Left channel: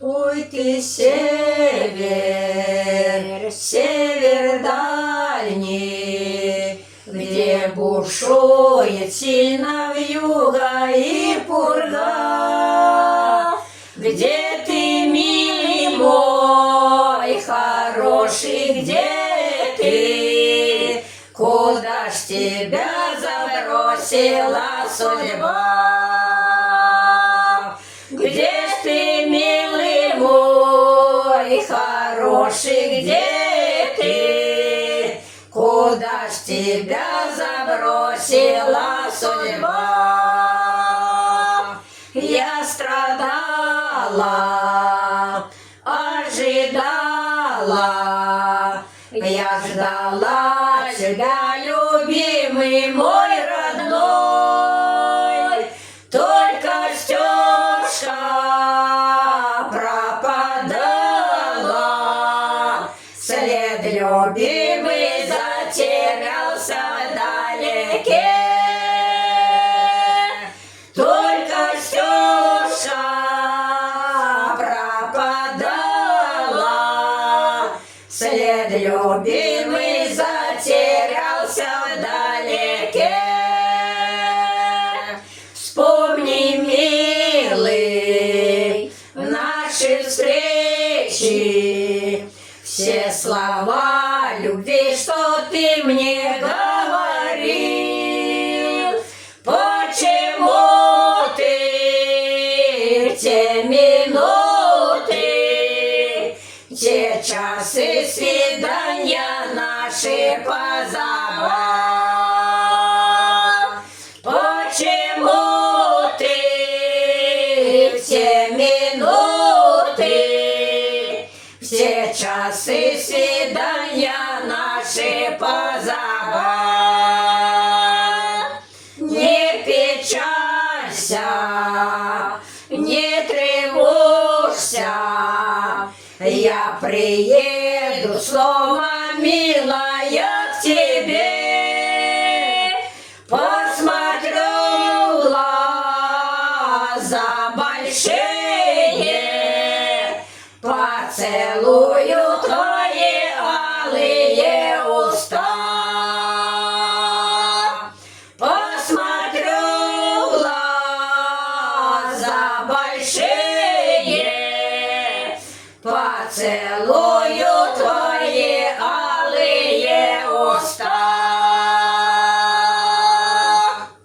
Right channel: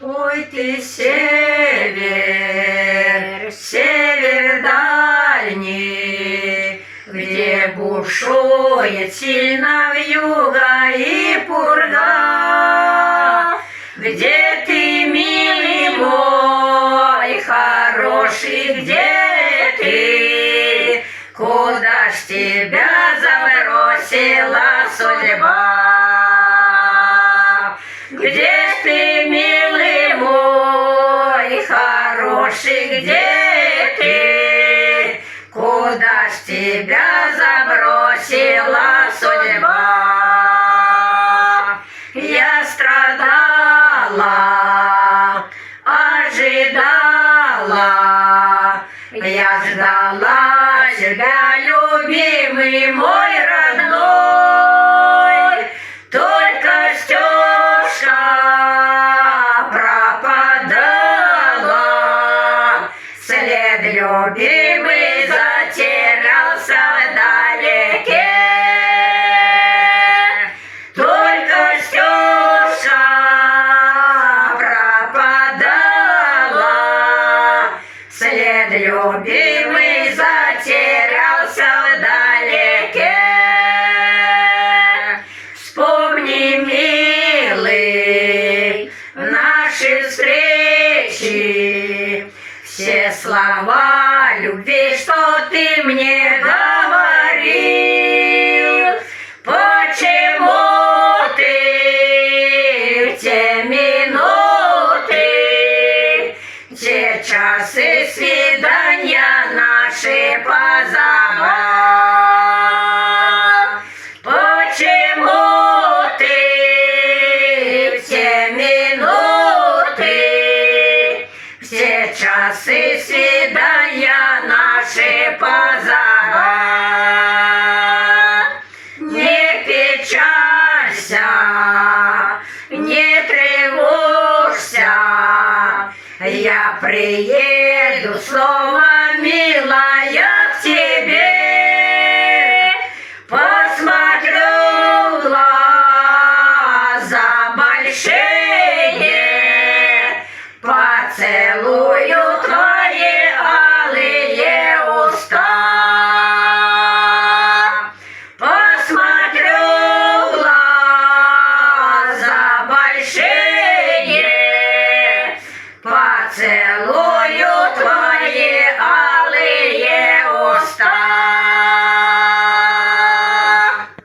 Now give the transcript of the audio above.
Ой, ты север, север дальний, где бушует сильно вьюга и пурга, где ты, милый мой, хороший, где ты, куда ж тебя забросила судьба? Где ж ты, милый мой, хороший, где ты, куда ж тебя забросила судьба? Я страдала, ожидала, я ждала тебя, любимый мой родной, только Стёшка пропадала, след любимый затерялся вдалеке. Только Стёшка пропадала, след любимый затерялся вдалеке. Вспомни, милый, наши встречи, все слова любви, что ты мне говорил. Почему ты в те минуты, те часы свидания наши позабыл? Почему ты в те минуты, все часы свидания наши позабыл? Не печалься, не тревожься, я приеду снова, милая, к тебе, посмотрю в глаза